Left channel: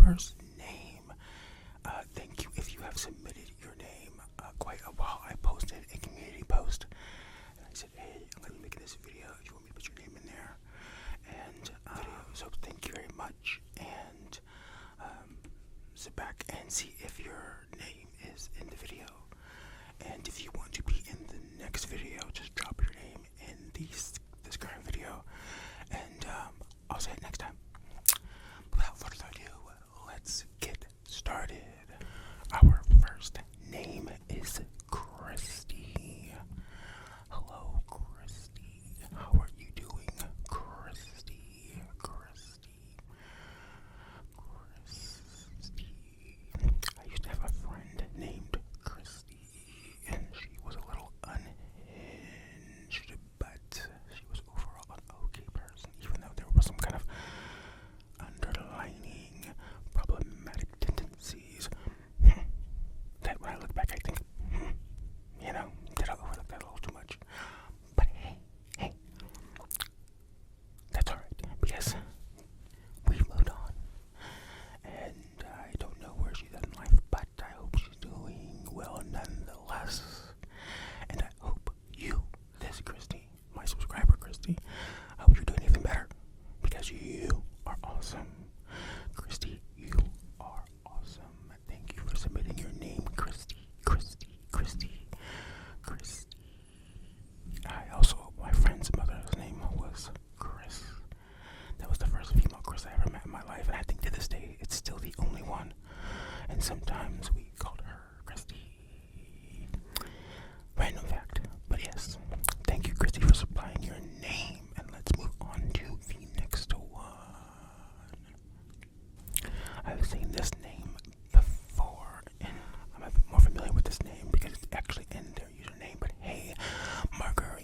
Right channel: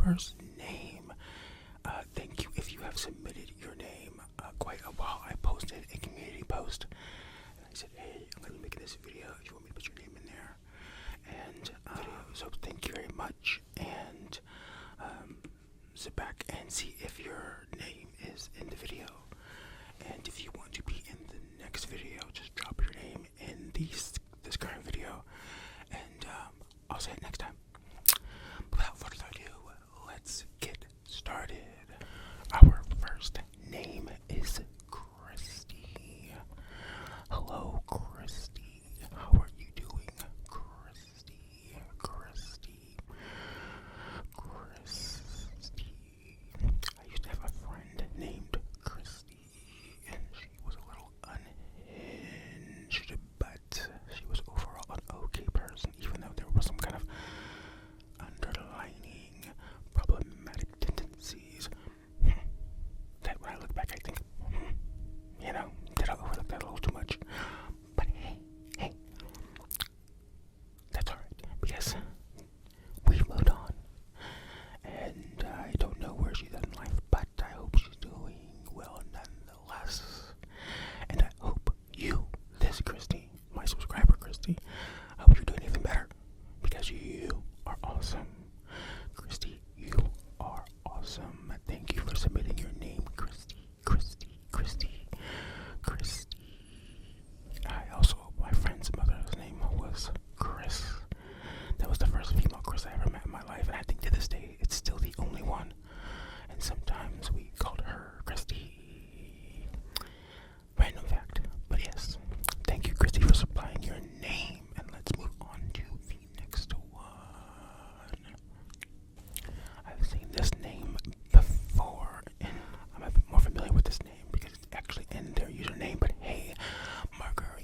subscriber's name. Thank you if you have submitted your name quite a while. I posted a community post and I said, hey, I'm going to be making this video if you want me to put your name in there. And so thank you very much. And sit back and see if your name is in the video. And if you want to be in the next video, just drop your name in this current video. And I'll say it next time. Without further ado, let's get started. Our first name is Christie. Hello, Christie. How are you doing, Christie? Christie. I used to have a friend named Christie, and she was a little unhinged, but she was overall an okay person, even though there was some kind of underlining problematic tendencies. That when I look back, I think, did I overlook that a little too much? But hey, that's alright, because we've moved on. And I don't know where she's at in life, but I hope she's doing well nonetheless. And I hope you, this Christie, my subscriber Christie, I hope you're doing even better, because you are awesome. Christie, you are awesome. Thank you for submitting your name, Christie. My friend's mother's name was Chris. That was the first female Chris I ever met in my life, and I think to this day it's still the only one. And sometimes we called her Christie. Random fact, but yes. Thank you, Christie, for supplying your name, and let's move on to the next one. I've seen this name before, and I'm a bit more familiar with this name because it's actually in their username. But hey, Margarita.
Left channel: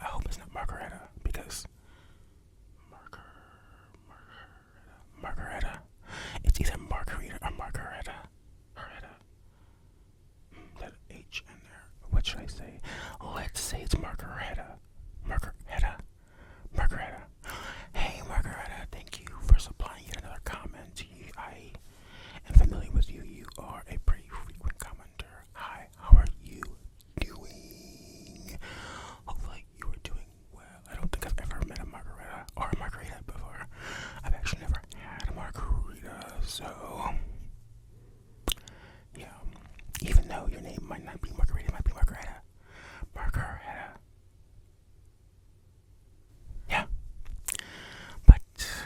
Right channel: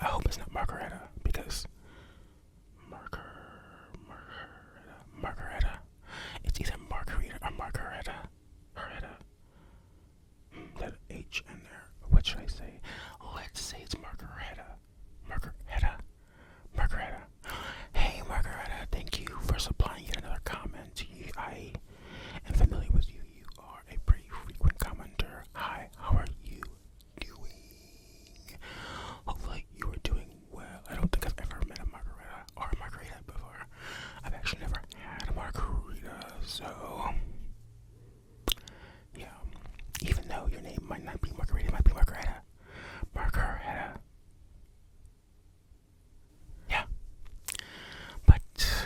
I hope it's not Margarita, because Margarita. It's either Margarita or Margarita. That H in there. What should I say? Let's say it's Margarita. Hey, Margarita, thank you for supplying yet another comment. I am familiar with you. You are a pretty frequent commenter. Hi, how are you doing? Hopefully you are doing well. I don't think I've ever met a Margarita or a Margarita before. I've actually never had a Margarita, so yeah. Even though your name might not be Margarita, it might be Margarita. Yeah. But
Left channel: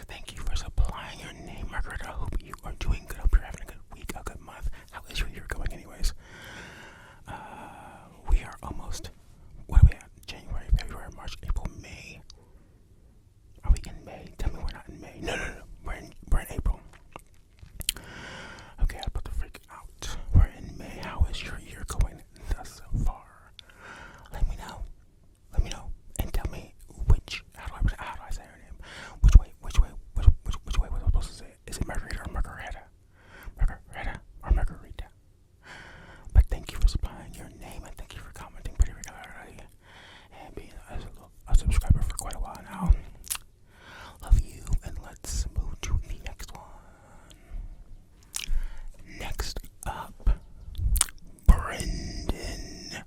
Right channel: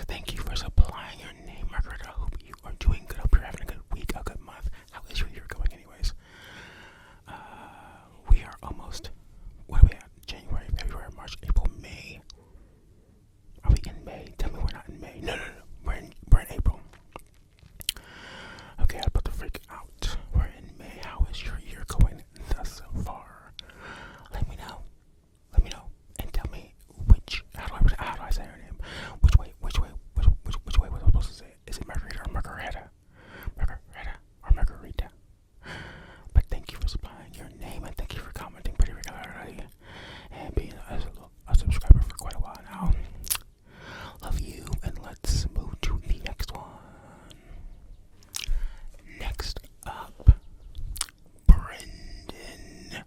thank you for supplying your name, Margarita. I hope you are doing good. I hope you're having a good week, a good month. How is your year going anyways? We are almost, what are we at? January, February, March, April, May. Are we in May? Tell me we're not in May. No. We're in April. Okay, I'm about to freak out. We're in May. How is your year going thus far? Let me know. And tell me how do I say her name? Which way was I supposed to say it? Is it Margarita or Margarita? Margarita. But thank you for supplying your name, and thank you for commenting pretty regularly and being a subscriber for quite a while now. Love you, and let's move to the next one. Next up, Brendan.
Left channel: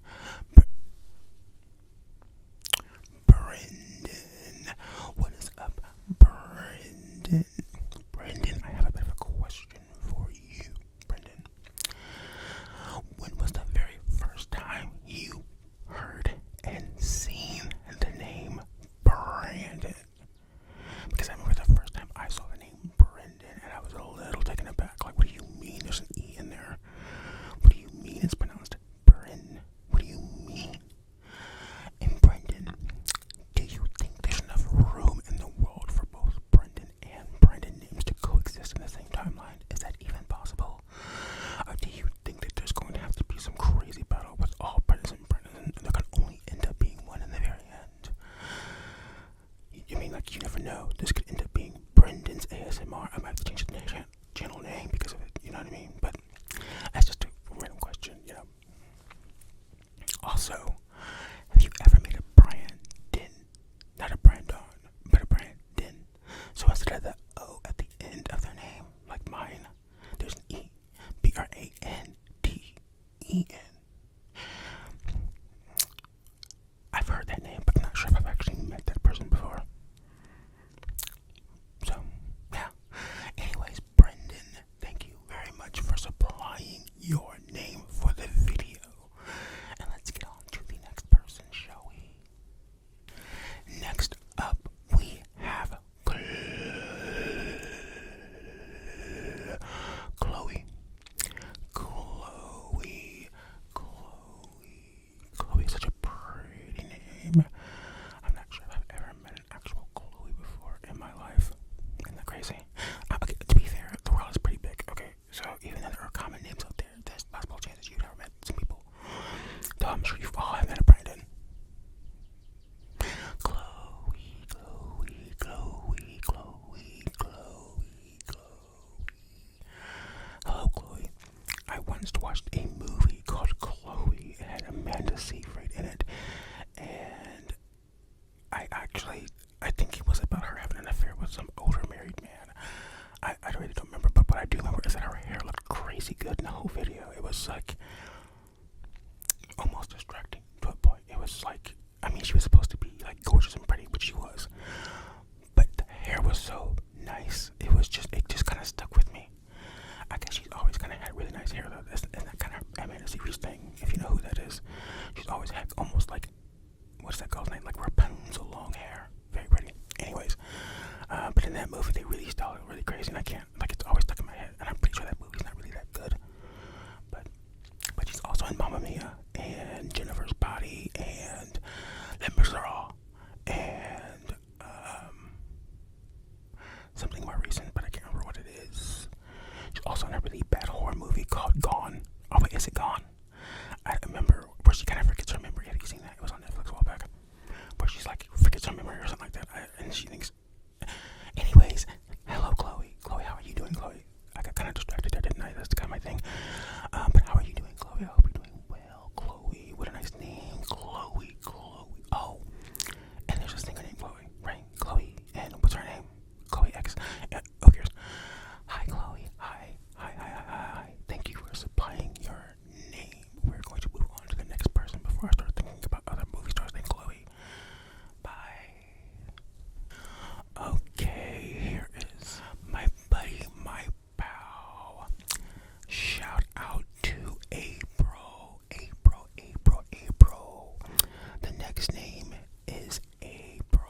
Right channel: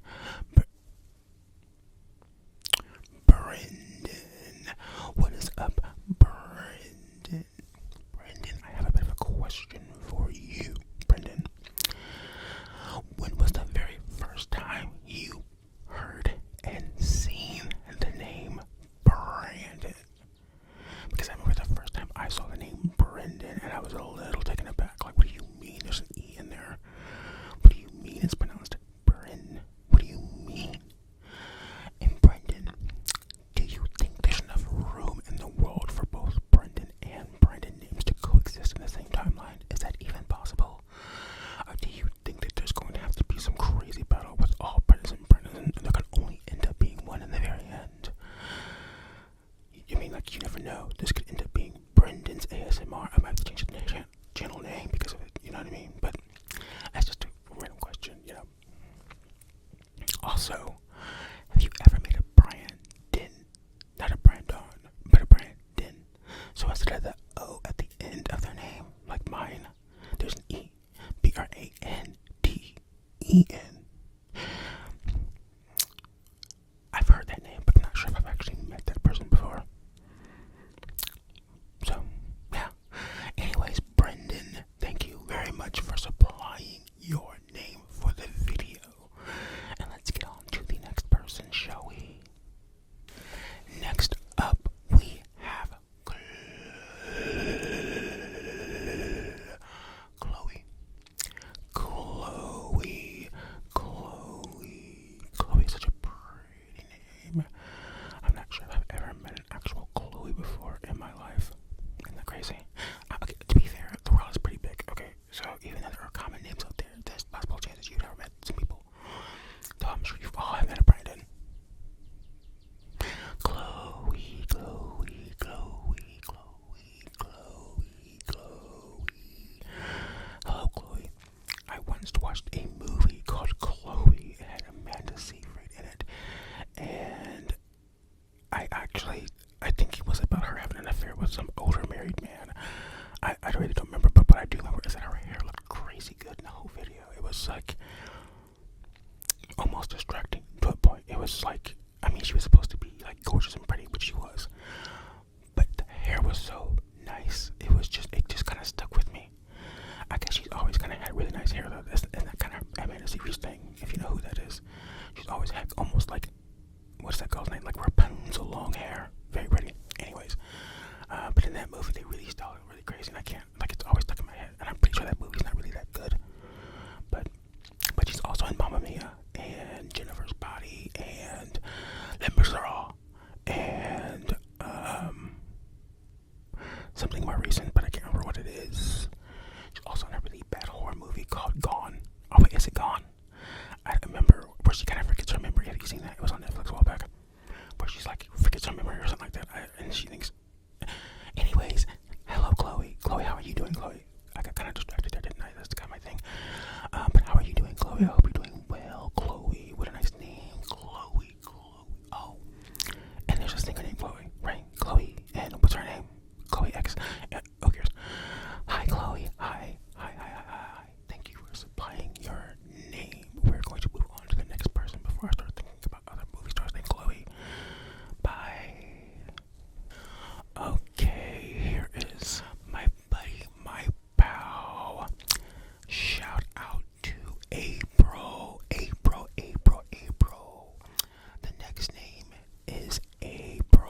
What is up, Brendan? I have a bit of a question for you, Brendan. When was the very first time you heard and seen the name Brandon? Because I remember the first time I saw the name Brendan, and I was a little taken aback. Like, what do you mean there's an E in there? What do you mean it's pronounced Bren? What do you mean? And Brendan, do you think there's enough room in the world for both Brendan and Brandon names to coexist in the same timeline? Is that even possible? Or do you think that there's going to have to be some crazy battle with all Brendans and Brendans, and there can only end up being one in the very end? I mean, like, you never know. This could end up being Brendan's ASMR. I might have to change the channel name because of it, you know what I mean? But that's just a random question, Also, have you ever made a Brandon? Not a Brandon, but a Brandon. So instead of the O at the end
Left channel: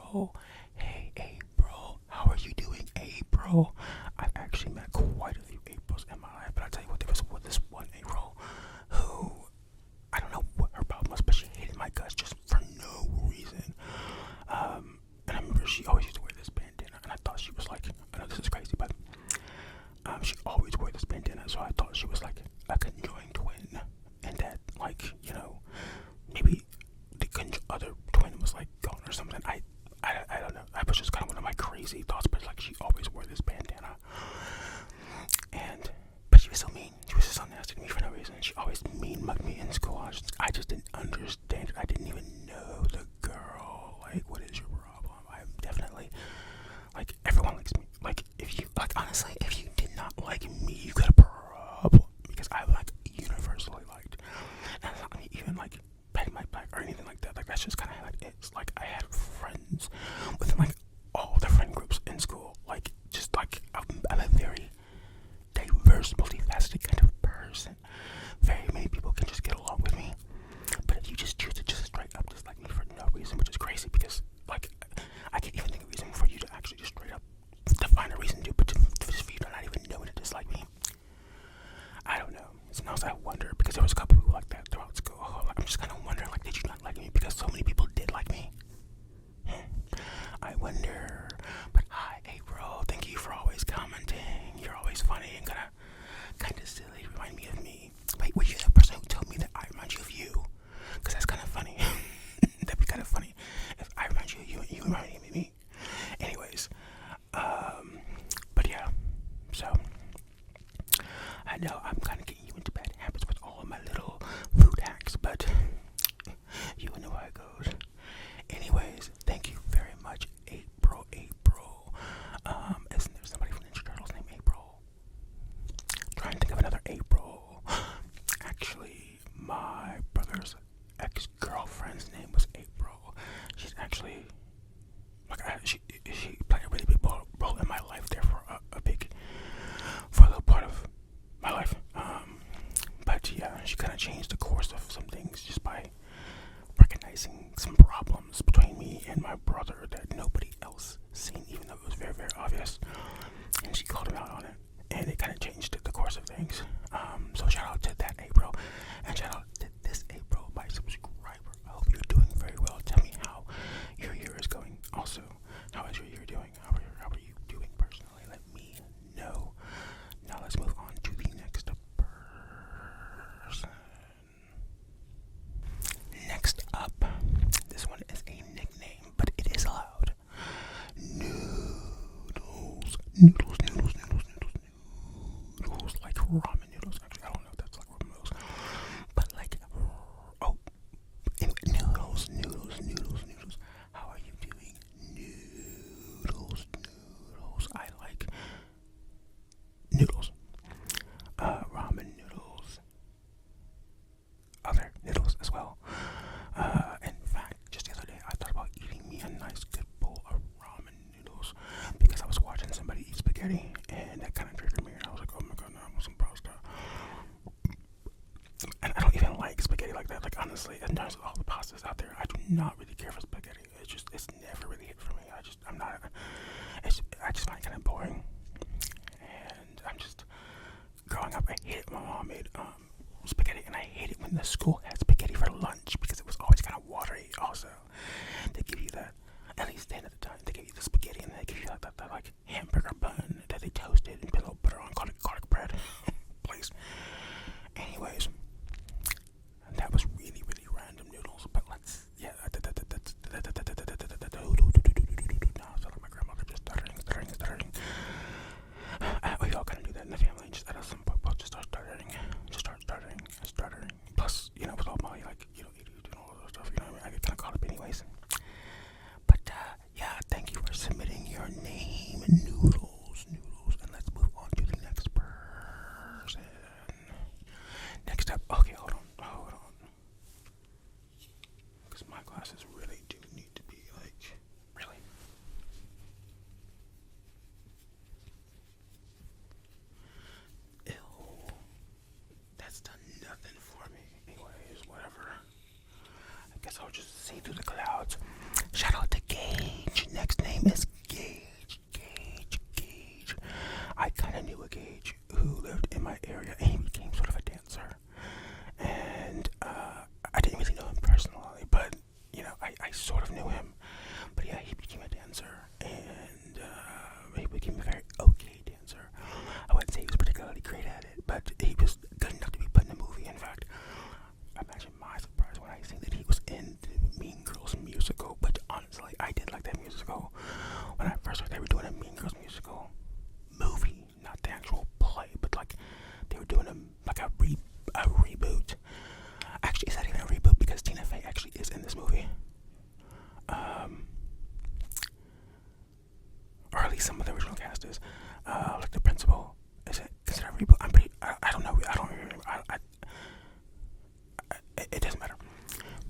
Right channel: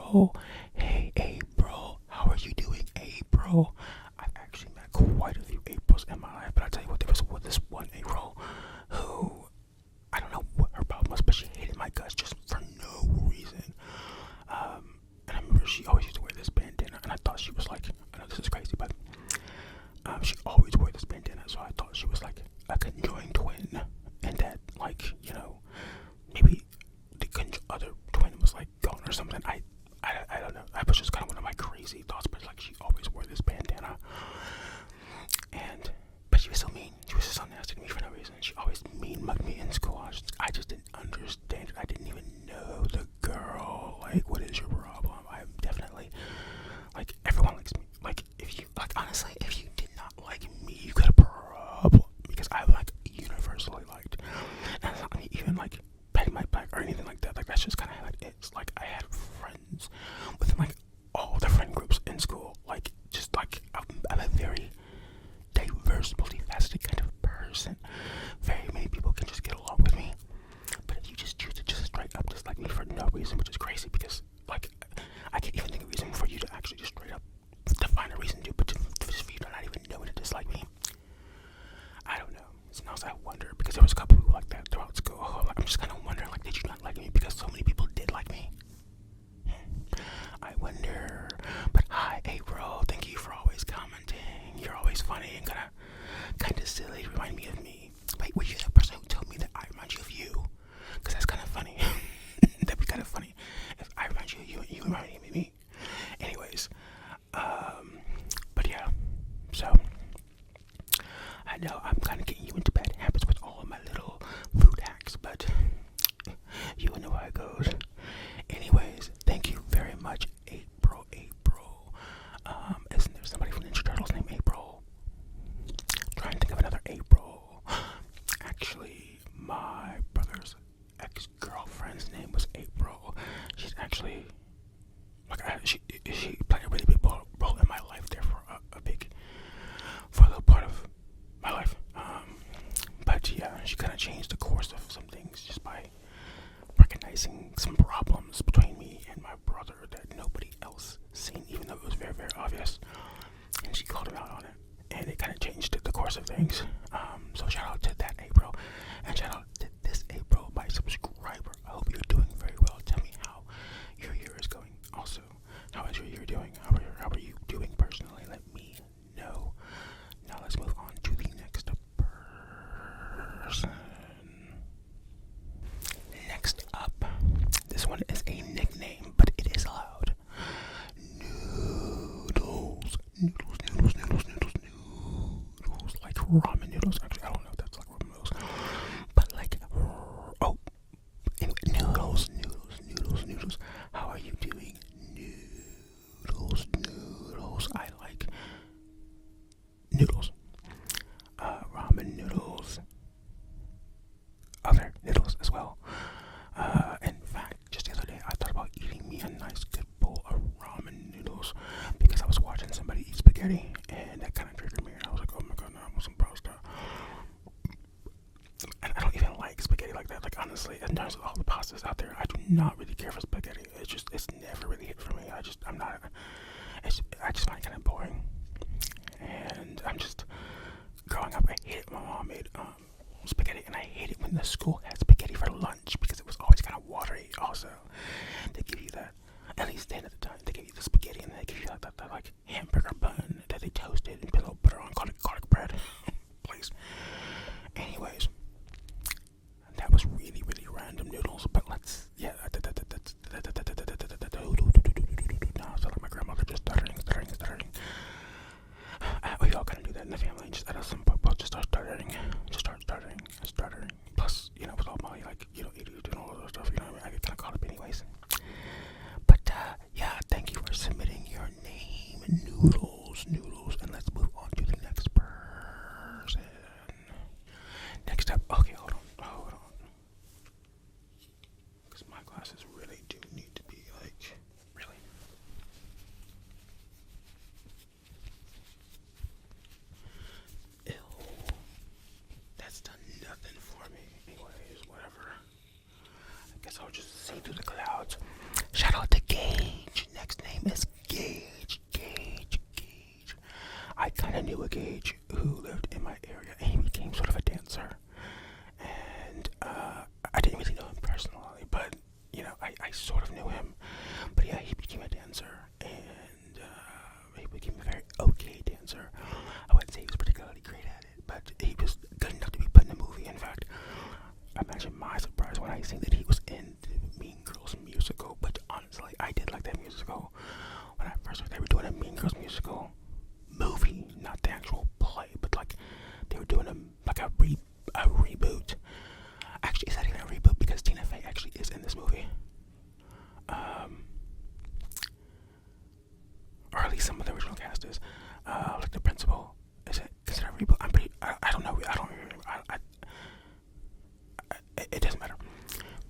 April. Hey, April. How are you doing, April? I've actually met quite a few Aprils in my life, but I'll tell you what, there was this one April who, I don't know what her problem was, but she hated my guts just for no reason. And I remember she always used to wear this bandana, and I thought she was like, I know this is crazy, but she always wore this bandana, so I thought she was like a conjoined twin, and that, like, you know, maybe the other twin was like gone or something. I don't know. That was just kind of one of my crazy thoughts, but like she always wore this bandana, but she was so mean. She was just so nasty to me for no reason. She always mean mugged me in school. I just didn't understand it. I didn't even know the girl. Like, what is your problem? I'm definitely, like, everyone likes me. Like, if you, like, honestly, if you did not like me, you got a problem, because I'm like universally liked. And it's not like even like patting my back or anything like that. Like, that's just kind of how it is. Like, I had friends within like all the friend groups in school. Like, just like I'm a very diverse, multifaceted kind of person. Very many people can just get along with me, but if you just choose to just straight up dislike me for no reason, which is crazy, because like I can't even think of a reason for you to actually just straight up define a reason to, but just for you to not even know to dislike me. I don't know. Sometimes I wonder, because there was a couple people like that throughout school. Like, I'm just kind of wondering, like, did you not like me because so many people did like me? I wonder. But hi, April. Thank you for always commenting. You're always funny and kind of silly. Remind me of me. Wait, were you the person who told me that I remind you of you? Because that's kind of funny. That'd be kind of funny if I remind you of you and you remind me of me. Anyways, but yeah. So I know I'm kind of getting you into bad habits with all of my little food hacks, but you know how it goes. Anyways, thank you very much, April. Isn't there somebody from Ninja Turtles named April? Trying to think of another April. Actually, my brother's ex-girlfriend's name was April. She's actually, like, she played a really big role in my life there for a little part of my life. But yeah, she kind of changed the course of some things just by recognizing some problems between me and my brother that nobody else seen, even though it was very, very obvious. And she called him out on it, and it kind of changed the course of things. So shout out to that April, and shout out to this April, my subscriber. I hope you're doing very well. Tell me how your year is going. Also, how is your year doing? How are you doing personally? Let me know. Now let's move on to the next person. Next up, this one is a nickname, but it is allowed. Noodles. Like ramen noodles. Actually, I don't know if that's like ramen noodles, but like, anyway, noodles. How are you doing? Noodles. I like noodles. Ramen noodles. Other noodles as well. In fact, just the other day, I thought about eating me a nice good bowl of ramen noodles because I was watching somebody eat spaghetti, and that kind of triggered me, and I was like, oh my god, no, I want some pasta. And I don't even like spaghetti like that. Like, honestly, in terms of all the pastas out there, I do not really care for spaghetti. It's never really hit for me. I just find it kind of boring. And I'm just, growing up, I hated my mom made spaghetti, and I hated when the school had spaghetti for lunch because it was always kind of watery. Also, they give you that, at least then at the time, they give you the spaghetti, and they give you that like hamburger bun that they toasted and put a little butter on, garlic bread. Please. Anyways, that was really, really random noodles, but let's, yeah, now I sound like my grandmother just stuttering. We all kind of do that in the family, just at some point, just start stuttering. Plus, you know, with all my, like, you know, ADHD and all of that stuff, you know what I mean? I get kind of caught up anyways. But, yeah, thank you for submitting your name, Noodles, and let's move on to the next person. Next up, okay, hold on. Because my glasses really do need to be, like, really. Ew. That's done nothing for me. Anyways, whatever. I guess I'll just see through the clouds. Shout out to Gage. Gage. Next name is Gage. Gage. I kind of knew a Gage who lived in my area, and he became sort of a dancer. And I didn't really know him personally, but I sort of knew him. But yeah, he became a dancer, and he became a very okay dancer. I wouldn't say he was particularly great at it, but he was good enough to be put in a movie. In fact, imagine my surprise when I seen that he was in the Mean Girls musical. But honestly, I did like that musical. When I first heard they were doing a Mean Girls musical movie, not the actual play, but like they were doing a reboot. Actually, it's not even a reboot because Tina Fey actually is in this movie. Or at least some of the original cast is. Like the principal. Is it a reboot? I don't know. I don't remember. It doesn't matter.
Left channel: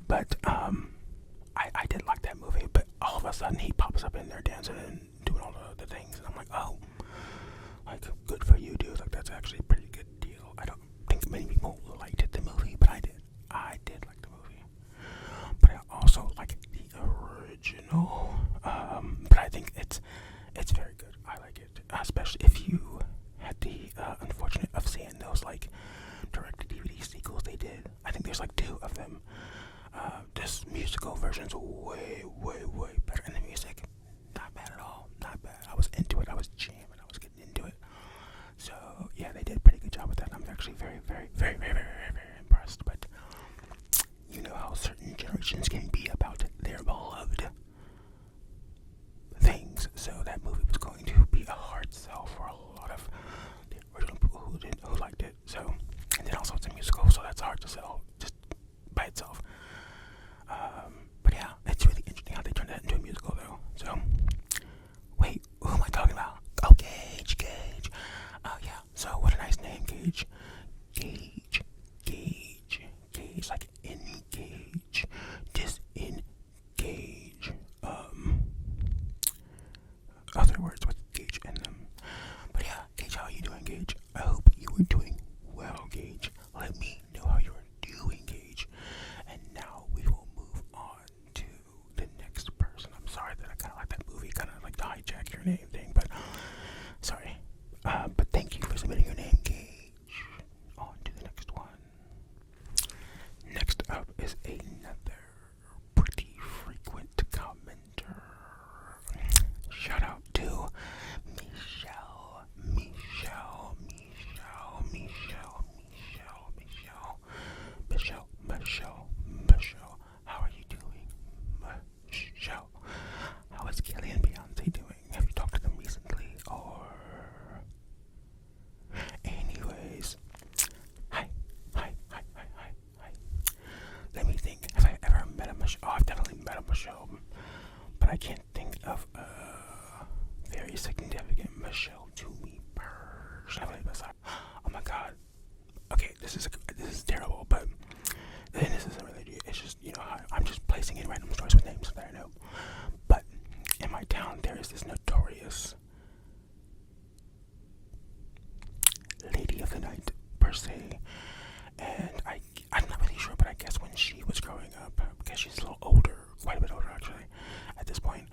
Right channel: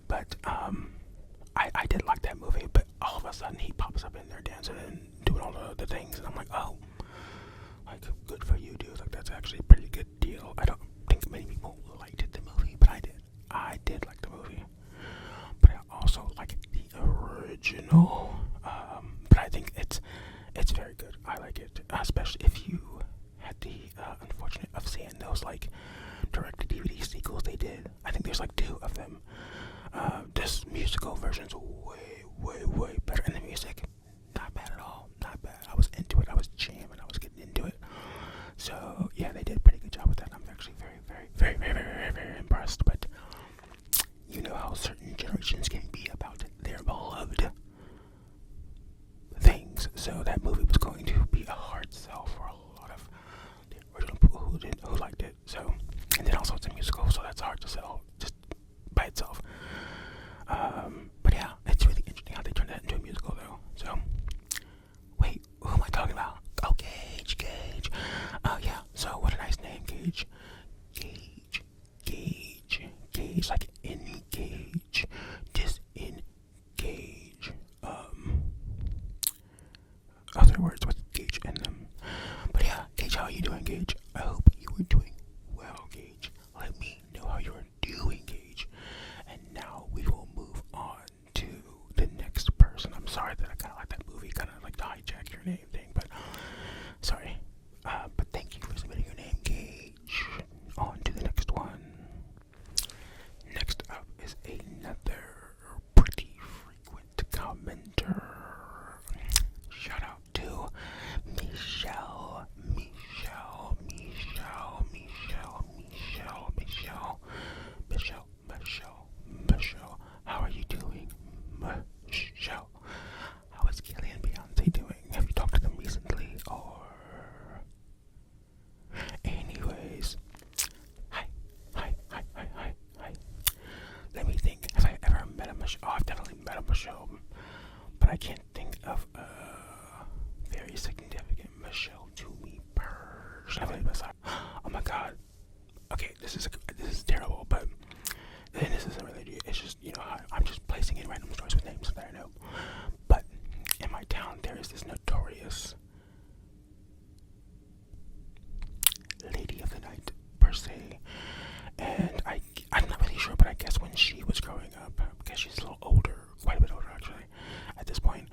But I did like that movie. But all of a sudden he pops up in there dancing and doing all the things, and I'm like, oh, like good for you, dude. Like that's actually a pretty good deal. I don't think many people liked the movie, but I did. I did like the movie. But I also like the original. But I think it's very good. I like it, especially if you had the unfortunate of seeing those like direct-to-DVD sequels they did. I think there's like 2 of them. This musical version's way better, and the music, not bad at all. Not bad. I was into it. I was jamming. I was getting into it. So yeah, they did a pretty good job with that. I'm actually very impressed. But you know how certain generations can be about their beloved things. So that movie was going to be a hard sell for a lot of the original people who liked it. So, and then also it's a musical, so that's hard to sell just by itself. But yeah, it's really interesting how they turned that into a musical though. So, wait, who am I talking about? Oh, Gage. Oh yeah, so what a nice name, Gage, like engage, disengage, other words with Gage in them. But yeah, Gage, how are you doing, Gage? I hope you are doing well, Gage. Let me know how you're doing, Gage. And now we will move on to the next person. I'm sorry that I kind of like that movie, kind of like the hijack your name thing, but sorry. But thank you for submitting your name, Gage. On to the next one. Next up is another pretty frequent commenter. Shout out to Michelle. How are you doing, Michelle? How is Kelly and Beyonce doing? Have you talked to them recently, or? Anyways, hi. Let me think. Have I ever met a Michelle? Oh, I've definitely met a Michelle, but I can't think of a very significant Michelle to me personally. Oh my god. Okay, this is terrible, but then this isn't really. It's just I'm just placing in random stories with names that I know. But in my town, there is this notorious lady of the night per se, and I'm not really sure, but I guess when she was growing up, because she's a little older, quite a bit older actually, at this point.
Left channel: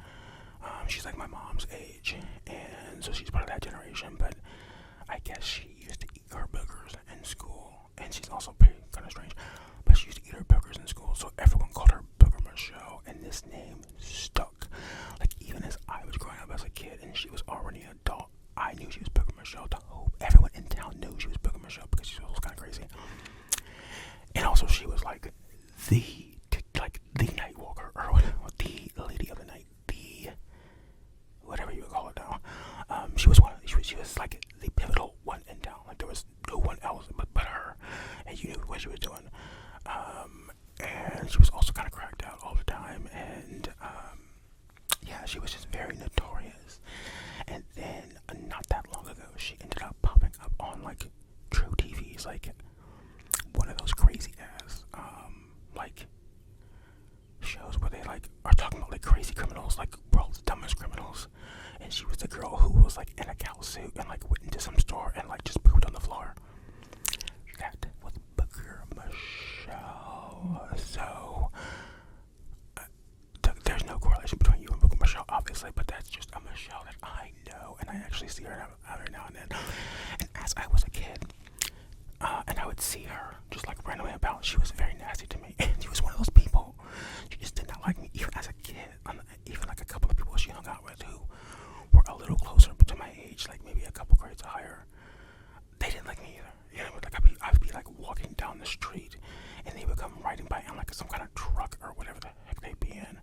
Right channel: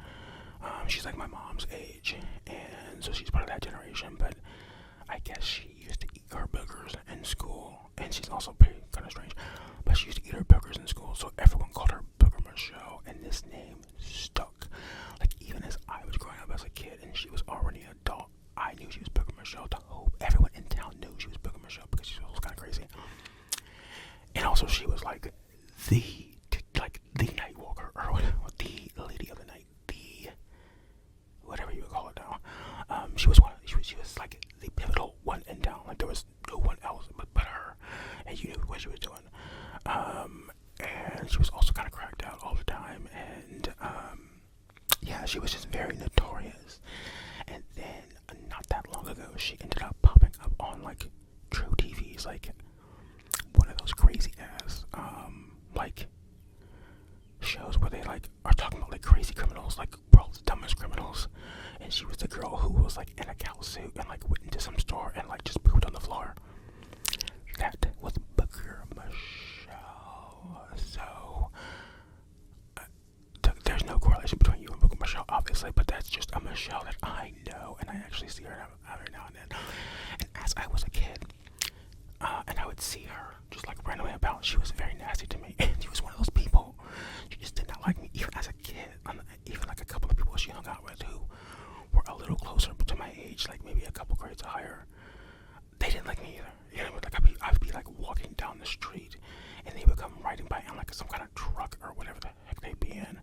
She's like my mom's age, and so she's part of that generation. But I guess she used to eat her boogers in school, and she's also pretty kind of strange. But she used to eat her boogers in school, so everyone called her Booger Michelle, and this name stuck. Like even as I was growing up as a kid, and she was already an adult, I knew she was Booger Michelle. The whole everyone in town knew she was Booger Michelle because she was kind of crazy. And also, she was like the night walker, or the lady of the night, the whatever you would call it now. She was like the pivotal one in town. Like there was no one else but her, and you knew what she was doing. And she was also kind of cracked out all the time, and yeah, she was just very notorious. And then not that long ago, she ended up popping up on like True TV's like one of those crazy ass like shows where they like are talking about like crazy criminals, like world's dumbest criminals. And she was the girl who was like in a cow suit and like went into some store and like just pooped on the floor. That was Booger Michelle. So there's no correlation between you and Booger Michelle. Michelle, obviously, but that's just a Michelle that I know, and I actually see her every now and then. And as I was a kid, and I would see her just like randomly about, she was very nasty to me. And she was one of those people, she just did not like me, even as a kid. Even like a couple of people she hung out with who were a little closer to my age, like maybe a couple grades higher, they didn't like me either. You know, like I'd be like walking down the street, and they would come riding by in like some kind of truck or whatever the heck they'd be in,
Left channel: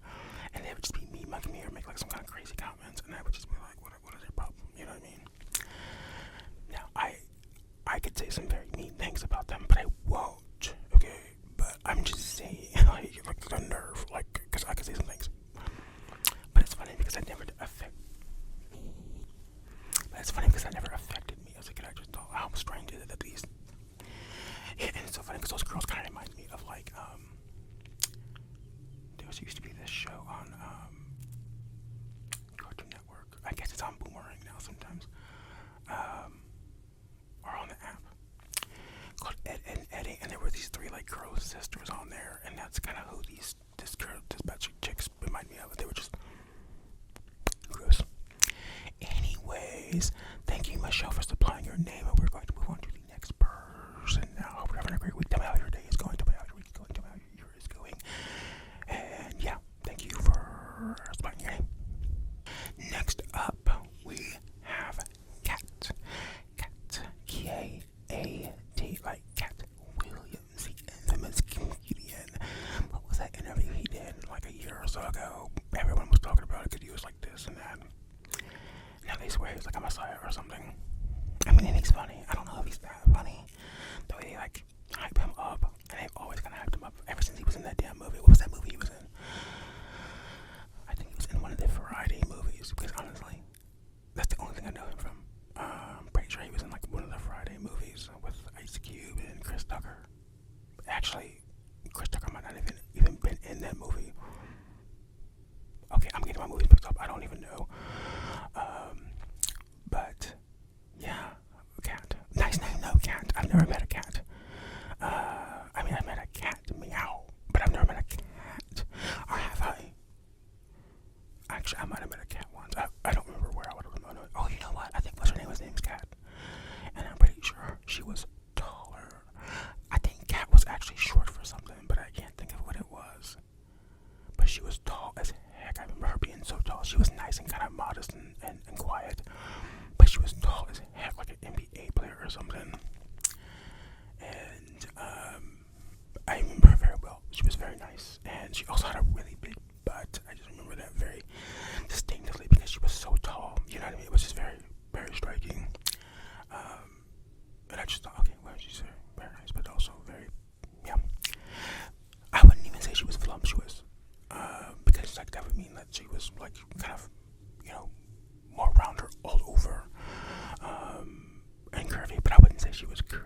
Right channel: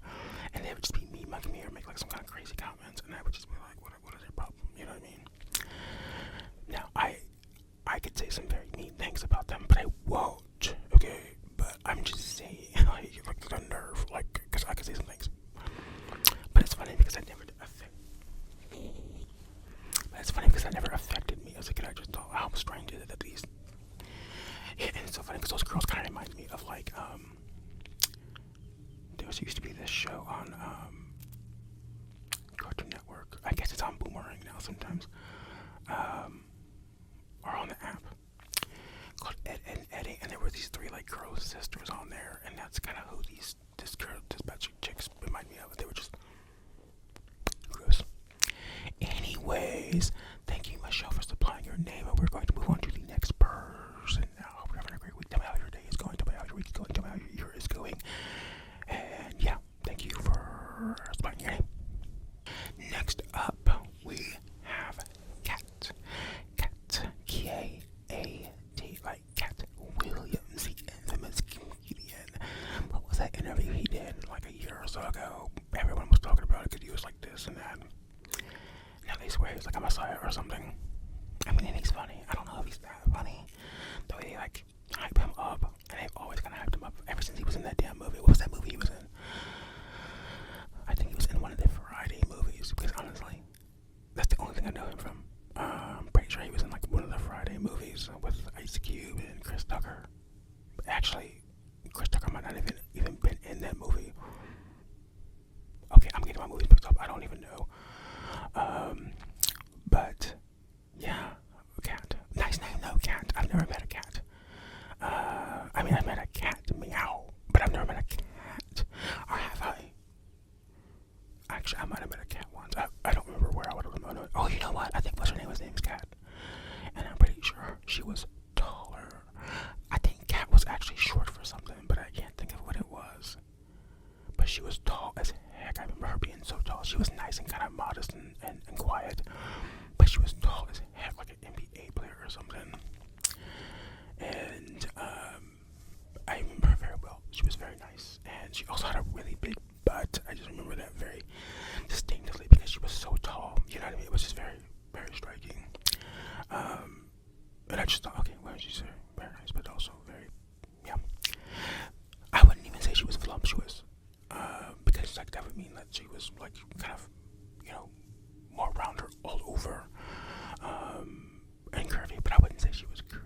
and they would just be mean mugging me or make like some kind of crazy comments, and I would just be like, what is their problem? You know what I mean? Now I could say some very mean things about them, but I won't. Okay, but I'm just saying, like the nerve, like, because I could say some things. But it's funny because that never affected me as a kid. I just thought how strange is it that these. Yeah, and it's so funny because those girls kind of remind me of like there used to be this show on Cartoon Network. I guess it's on Boomerang now sometimes, or on the app, called Ed and Eddie, and there were these three like girl sisters on there, and that's kind of who this batch of chicks remind me of. They were just gross. Anyways, thank you, Michelle, for supplying your name, and we're going to move on to the next person now. Hope you're having a great week. Tell me how your day is going. Tell me how your week is going. Tell me how your year is going. And yeah, thank you for supplying your name. Next up, we have Cat. K-A-T, like Cat Williams, the infamous comedian. What was that interview he did like a year or so ago? Everyone was talking about it because he was like this and that. Now they swear he's like a messiah or something. I mean, and he's funny. I don't know if he's that funny. The way they like hype him up, and they've always kind of hyped him up ever since he was in that damn movie. What was that movie he was in? I think he was in one of the Variety movies, because honestly, that's the only thing I know him from. I'm pretty sure he was in like one of the Friday movies with Ice Cube and Chris Tucker. Actually, Chris Tucker might not even been in that movie. Okay, I'm getting my movies mixed up. I don't even know. But yeah, Cat. Nice name though, Cat. I've never met a cat. I mean, I've met a cat, meow, but I've never met a cat. Or have I? Actually, I might have met a cat once. I don't remember where I would have known. Oh, you know what? I think what's her name was name's Cat, and I'm pretty sure she was taller. I think Cat was actually short for something, but I can't think of what it was. But she was tall as heck. I remember her being so tall. She was nice and kind of modest and quiet, but she was tall as heck, like an NBA player or something. And I remember her very well. She was very nice, and she also had a really big butt. I just remember that very distinctly because she was so tall. You know what I mean? It was just very, very striking. And I just thought, okay, well, she's very nice, but also very, yeah. I wouldn't even say she was voluptuous, because like that would mean that she was like kind of, you know, more rounder all over, and curvy. But I wouldn't say she was curvy.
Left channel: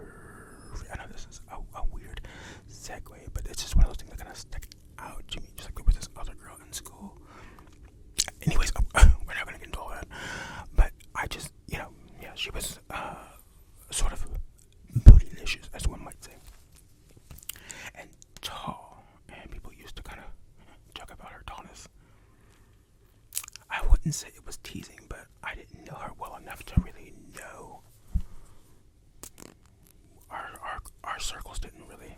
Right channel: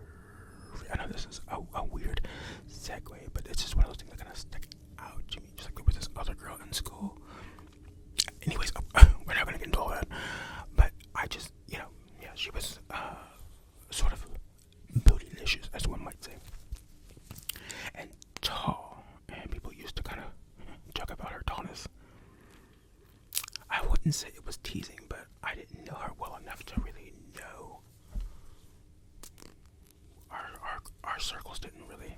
I know this is a weird segue, but it's just one of those things that kind of stick out to me. Just like there was this other girl in school. Anyways, we're not gonna get into all that. But I just, you know, yeah, she was sort of bootylicious, as one might say, and tall. And people used to kind of joke about her tallness. I wouldn't say it was teasing, but I didn't know her well enough to really know. Our circles didn't really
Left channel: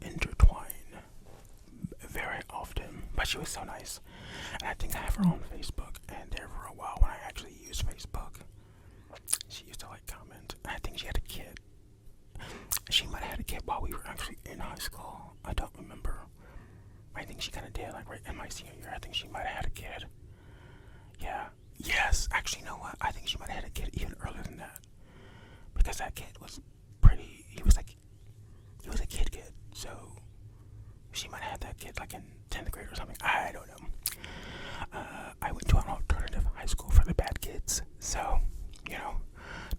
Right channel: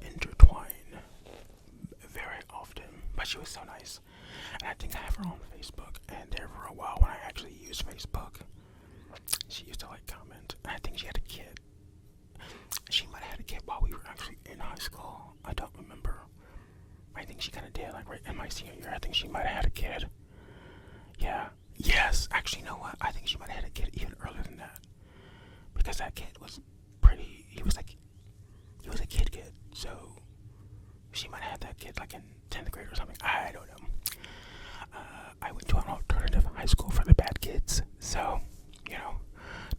intertwine very often, but she was so nice. And I think I have her on Facebook, and there for a while when I actually used Facebook, she used to like comment. And I think she had a kid. She might have had a kid while we were actually in high school. I don't remember. I think she kind of did, like right in my senior year. I think she might have had a kid. Yeah. Yes. Actually, you know what? I think she might have had a kid even earlier than that. Because that kid was pretty, he was a kid. So she might have had that kid like in 10th grade or something. I don't know. I went to an alternative high school for the bad kids. So, you know,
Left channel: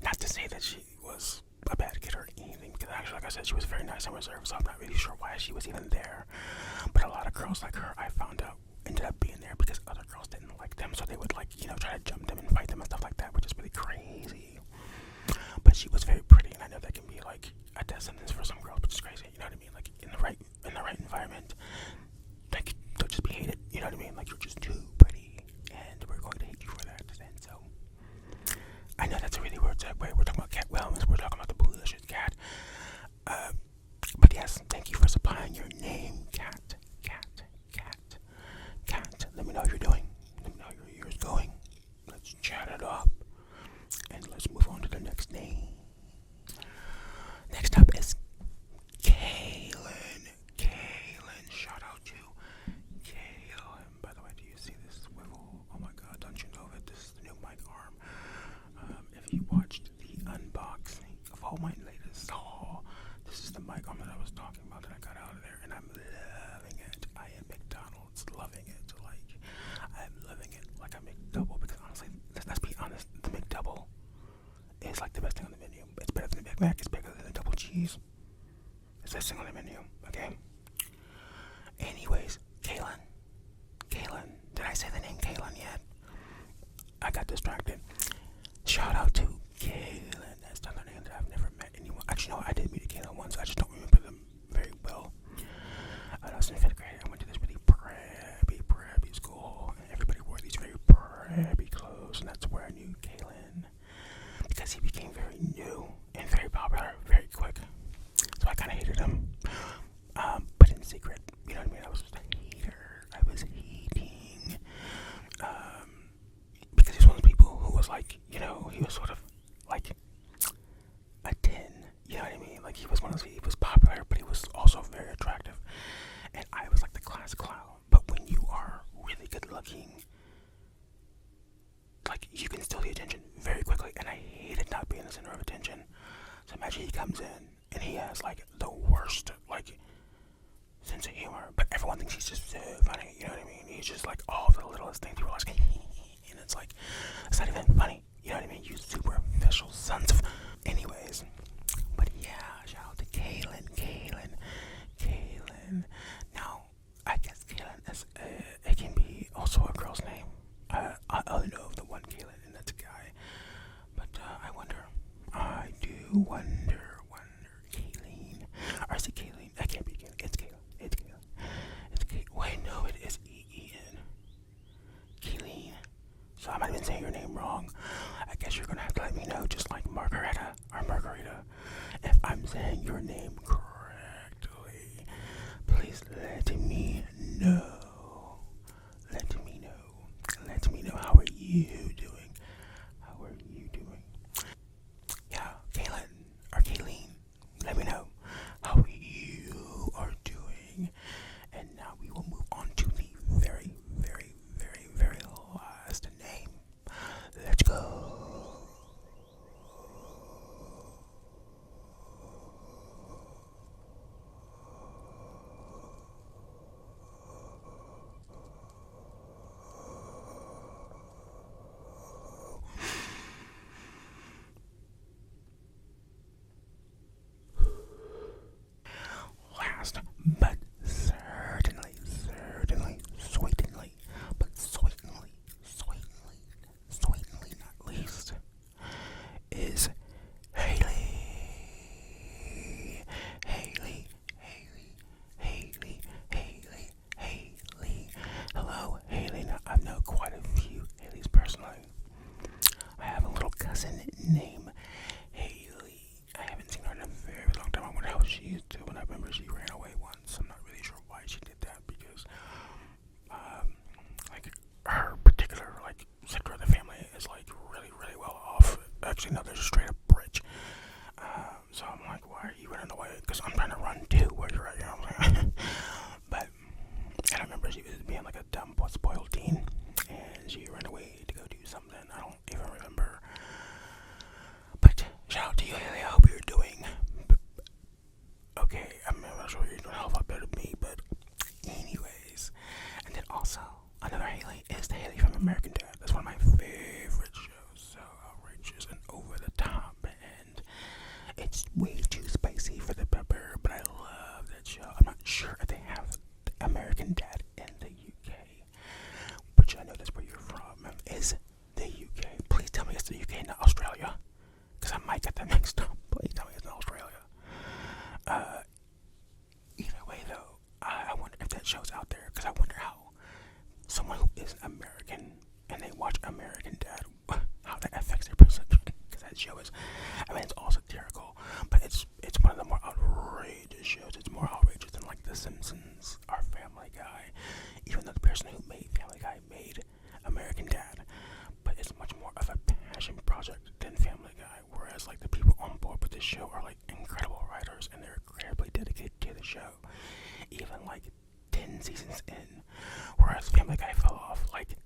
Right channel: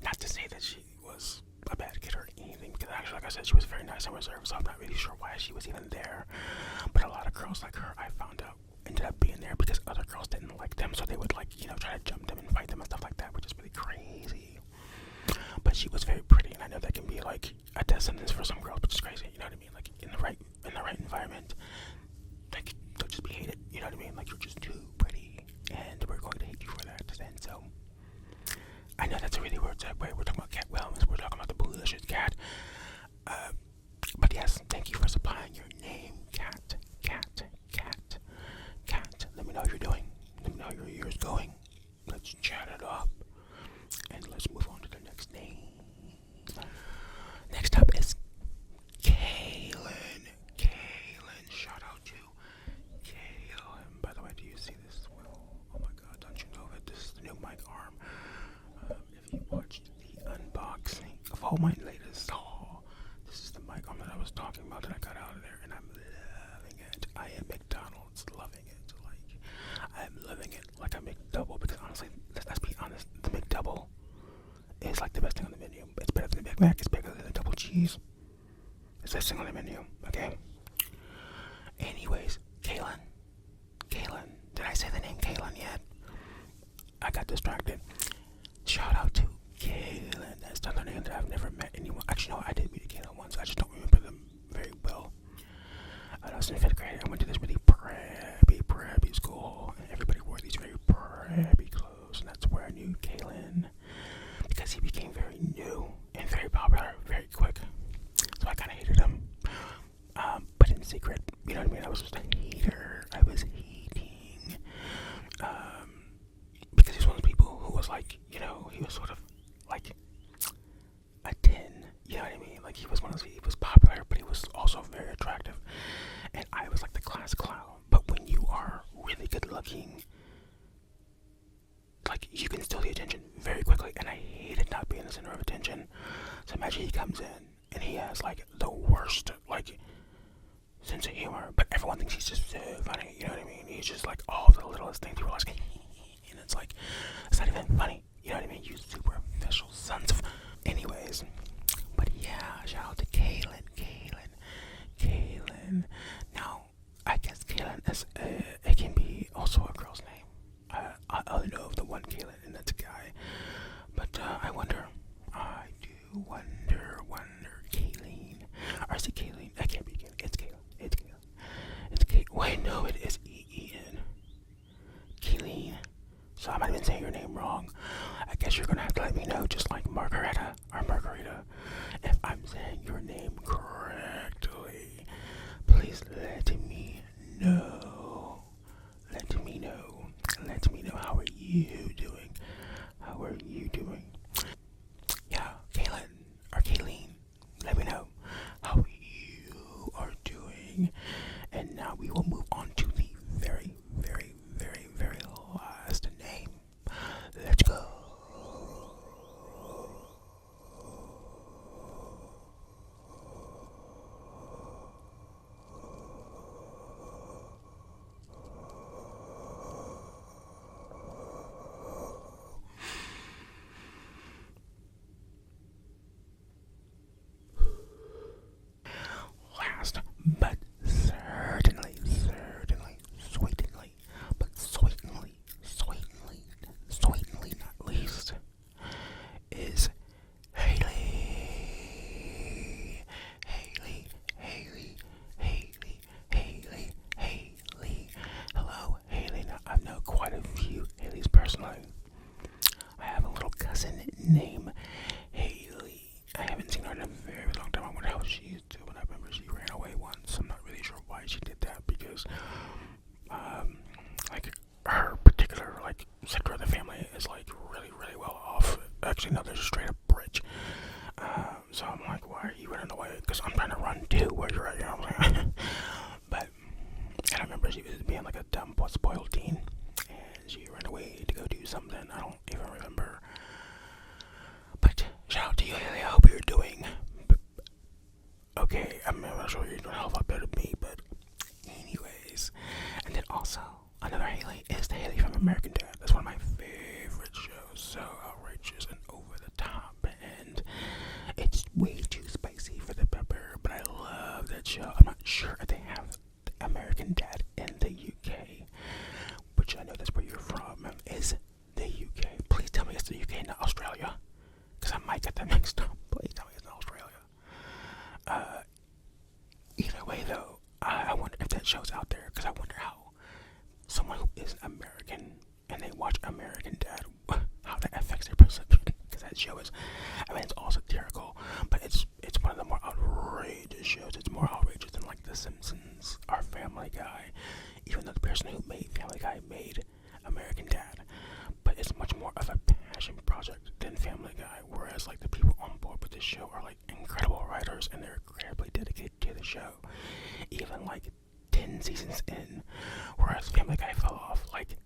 not to say that she was a bad kid or anything, because actually, like I said, she was very nice and reserved, so I'm not really sure why she was even there. But a lot of girls like her, I found out, ended up being there because other girls didn't like them, so they would like, you know, try to jump them and fight them and stuff like that, which is really crazy. But she was very pretty, and I know that can be like a death sentence for some girls, which is crazy. You know what I mean? Like in the right environment, like don't just be hated. You know what I mean? Like you're just too pretty. got distracted. Shout out to Kaylin. That's another name that I've never met anyone. Actually, no, I did meet Kaylin once. I just don't remember them very well. I was in 5th grade. I went to this really preppy school, and everybody wore these very preppy clothes, and that's where I knew Kaylin, because he became very new and very popular very quick. So I kind of hated him, but in secret, you know what I mean? I was just a hater. I was hating, because he's one of those people who was like, you know, he was sort of like a 10, you know what I mean? Like, he was one of those, he was popular, but he was also very attractive, and I was like the class clown. But when you are really good looking, like, you can steal the attention very quickly, and I hated not being the center of attention. So imagine he comes in, and he has, like, the worst, like, sense of humor, but everyone thinks he's just so funny, you know what I mean? He's just, like, all the littlest things, people are like, and it's like, it's not even funny, you know what I mean? You superficial sons of... Anyways, but yeah, shout out to Kaylin. Now, I guess Kaylin is, it can be also a girl's name. I only know of the one Kaylin, and that's a guy. But I do wonder, Kaylin. Or is it Kaylin? I can't be Kaylin. It's Kaylin. Wait, no, it is E-E-N. Kaylin. So I might have been saying your name wrong. I guess you're gonna have to let me know, just like Margarita or Margarita, if I'm saying your name correctly. Please let me know. Let me know. How are you doing? Yeah, Kaylin, let me know how you are doing. And now we will move on to the very last name. Let's go. Last but certainly, sweetly not least, is Haley. Hello, Haley. Now, I know quite a few Haleys personally. I have a little cousin named Haley. I haven't seen her in a very long time. I wonder how she's doing. I remember she ran away once. I'm not really sure why she did that, because like, her particular, like, sector of the family is, like, really well off. Actually, no, there's a straight up bridge. So I'm like, why are you running away? Because I'm trying to run too where you're at, you know what I'm saying? But I remember she was being like a dumb, spoiled teen, and she ran away to go do something. I don't even remember. But shout out to you, Haley. I hope you're doing okay. I'm not sure you're doing a hell of a lot better than me, but anyways. And then also, another Haley is the Haley from American Dad. That's one of my favorite shows. So outrageous and over the top, and it's way too spicy for the pepper, but I love that show. I'm not sure if they have American Dad in the UK, which I know that's where you're from, is the UK. Please tell me it's the UK, not Australia, because I might get that mixed up. Please tell me it's not Australia. Either way, though, I wonder if that show's out there, because I wonder how someone who is American and they watch American Dad, how that affects their perception. Because that show is, I mean, it's all satirical, but it's one of the more outrageous shows. It's more outrageous than, like, The Simpsons or Family Guy, even though the person who made Family Guy made American Dad. But it's much more of a passion project than Family Guy, whereas, like, the people on board with this show are, like, incredible writers, and they're incredibly dedicated to the show, even, like, 10 seasons in, whereas Family Guy fell off, like,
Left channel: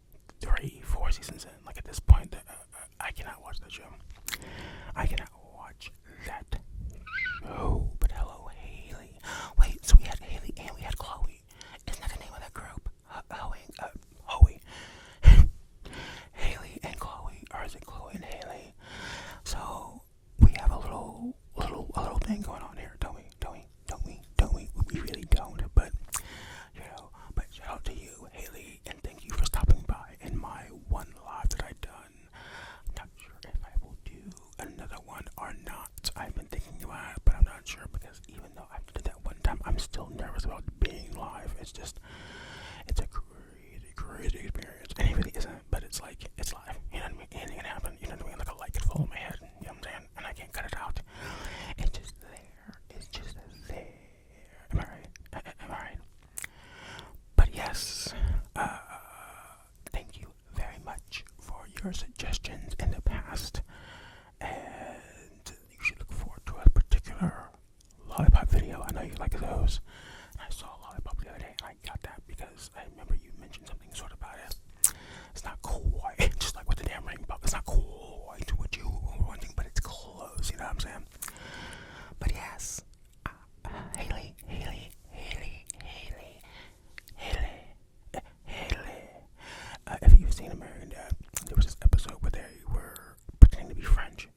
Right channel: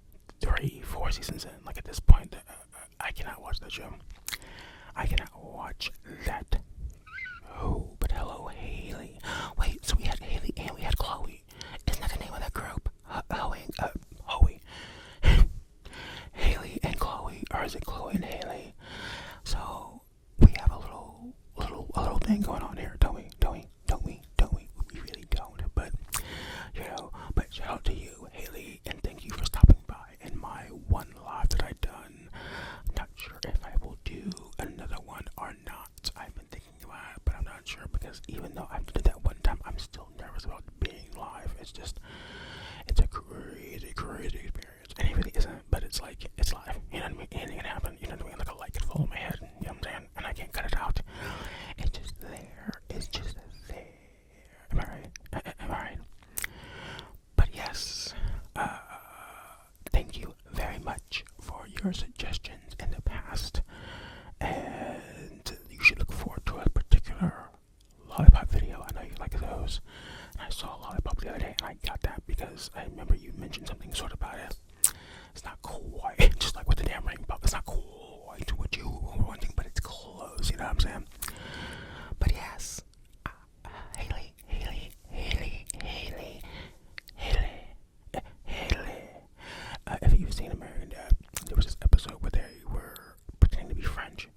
3-4 seasons in. Like, at this point, I cannot watch that show. I cannot watch that show. But hello, Haley. Wait, so we had Haley and we had Chloe. Isn't that the name of that group? Hoey. Haley and Chloe, or is it Chloe and Haley? So we have a little thing going on here, don't we? We really don't, but you know. But shout out to you, Haley, and thank you for stopping by in my one live that I done. sure, because even though I did that one time, I'm still nervous about being live. It's a crazy experience. And it really isn't, but it's like, it's live. You know what I mean? Anything can happen. You know what I mean? Like a light could fall in my head. You know what I'm saying? And I can't cut it out. It's just there. It's just there. Am I right? Am I right? But yes, thank you very much for your suggestions in the past. And you should look forward to a particular lollipop video. I know you like those. And I saw a lollipop the other day, and I got that because I remember you mentioned something sort of about it. It's not quite just like with the damn ring pop. It's not quite what you were wanting, but it's close. You know what I'm saying? But yes, Haley. If you've seen American Dad, there was this episode where they were pretending to be French,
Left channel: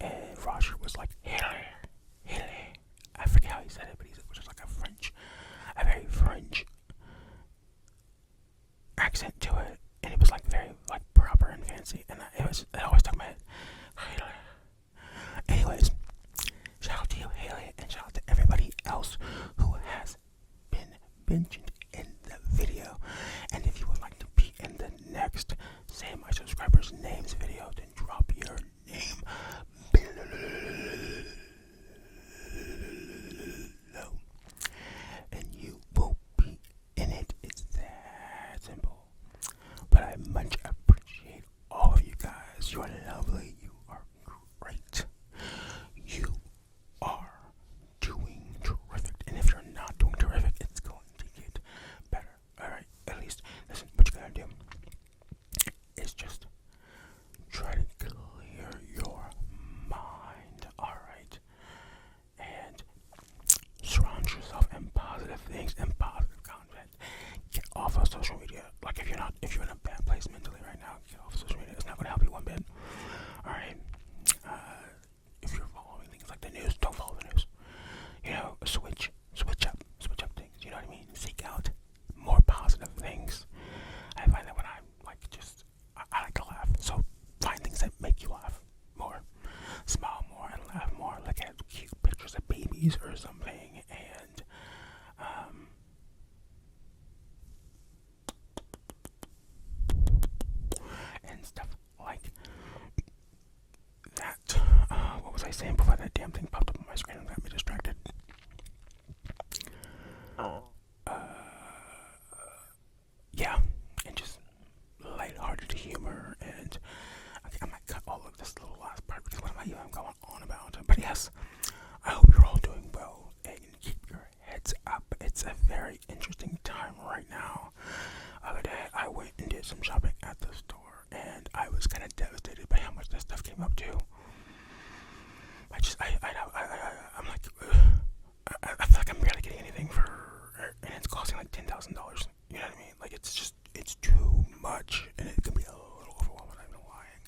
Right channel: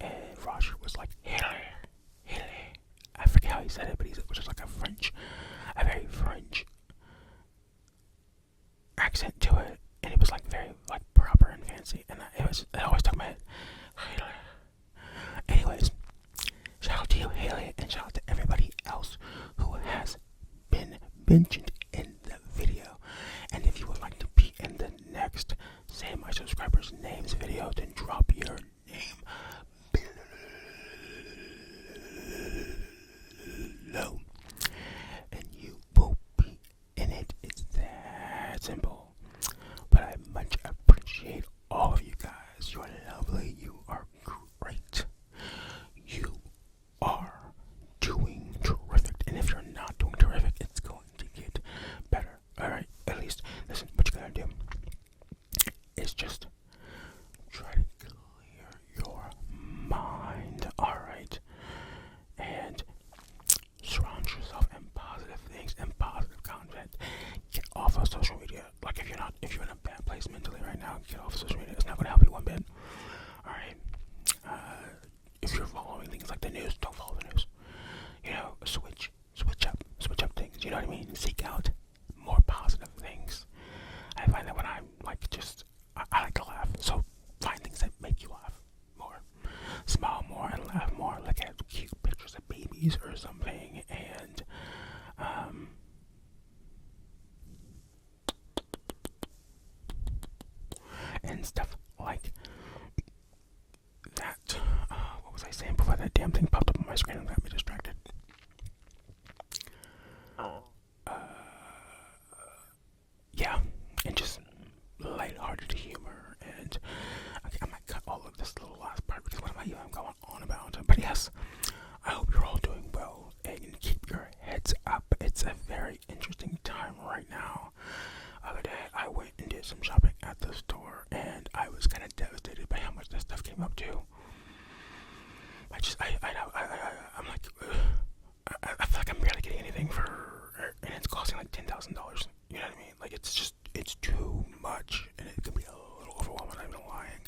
and Roger was like, Haley. I forget how he said it, but it was just like a very French accent to it, and it was like very like proper and fancy, and it always stuck in my head. Haley. Anyways, shout out to you, Haley, and shout out to everybody else who has been mentioned in the video. And if you would like to be in the next Say My Subscribers Names video, then drop your name below, and you will be in it. It's that simple. But I much appreciate all of you guys. You are lovely. You are great. You are doing terrific. And if you're not doing terrific, it's going to get better. Alright? At least, listen, what you gotta do is just try to clear your mind. Alright? And surround yourself in positive things and positive content. Get off of social media. Like if you're in a bad place mentally right now, get off of social media. It's not gonna help you one bit. Alright? If you're following things like the news, don't follow the news. You know, switch up things. You know what I mean? Seek out more positive things. I find that when I'm like I like to laugh. So find things that make you laugh more. Smile more and laugh more. Look at cute pictures of babies or something, and stuff like that. What was I saying before that damn thing popped up on my screen and got me distracted? Yeah, and just lighthearted humor, and okay, I might cut all of this little last part because what am I even going on about? But yes, I hope you're all doing well and keep your heads up. It's a very interesting time right now. The other day, I went and did some shopping at the store, and I was kind of devastated by how much that stuff came up to. I'm like, I feel like I'm barely getting anything for, and it's costing like $10,000. You know what I mean? Like it's too much, and it can be a little overwhelming. I'm not lying.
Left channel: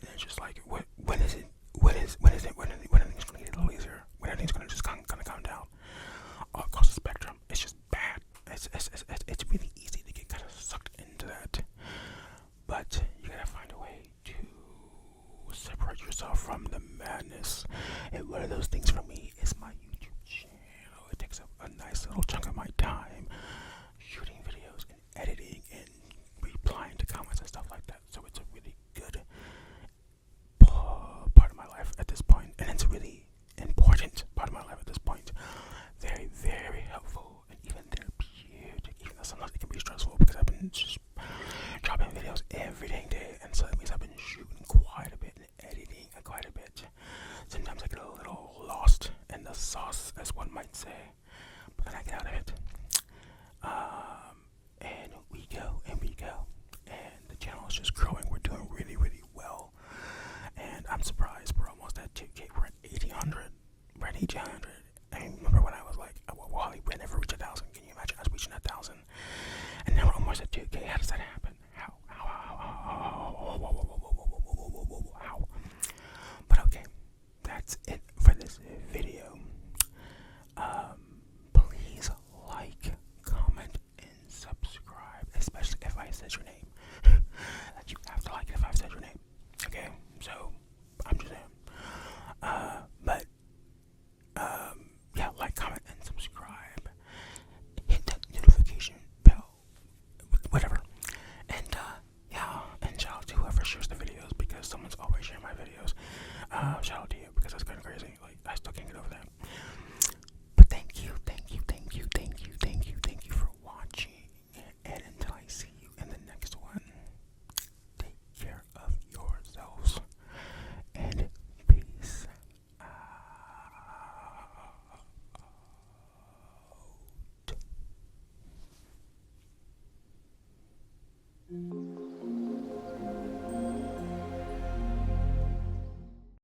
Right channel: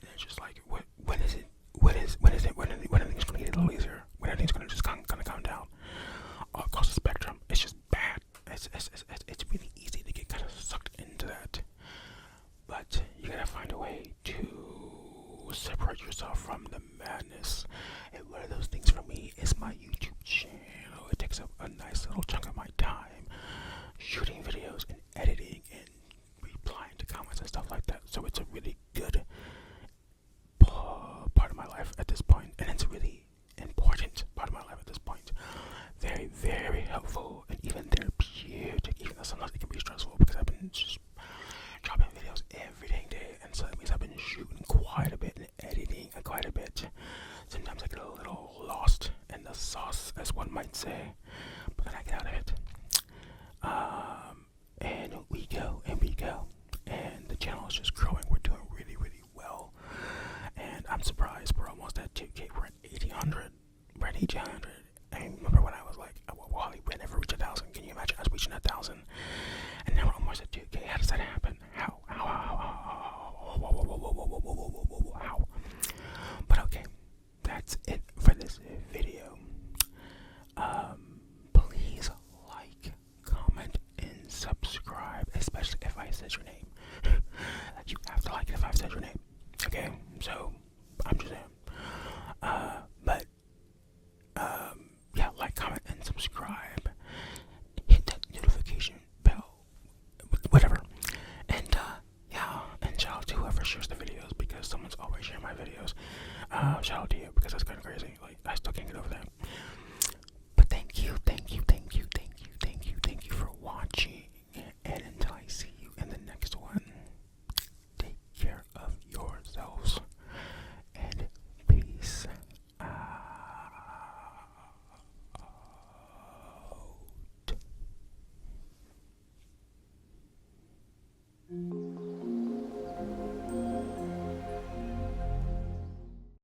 And it's just like, when are things going to get a little easier? When are things going to just kind of calm down? Across the spectrum, it's just bad. It's really easy to get kind of sucked into that, but you gotta find a way to separate yourself from the madness. And one of those things for me is my YouTube channel. It takes up a nice little chunk of my time, shooting videos and editing and replying to comments and stuff like that. So it's a really good part of my life at this point, and it's a really important part of my life at this point. Very, very helpful and even therapeutic, even though sometimes it can be stressful because I've been just dropping videos every dang day, and so that means I've been shooting quite a bit and editing quite a bit. Sometimes I get a little lost in the sauce, as one might say, but then I get out of it. And we go, and the channel is just growing. We're doing really, really well, and I'm surprised we're almost at 2K. We're at 1,800. We're at 1,800. I remember when I was like, well, we never reached 1,000. Can you imagine us reaching 1,000? And now we're almost at 2K. How does that happen? How? But okay, that's it for this video. Please like, comment, and subscribe, especially if I said your name. You have to like it if I said your name. Okay, so I'm just saying.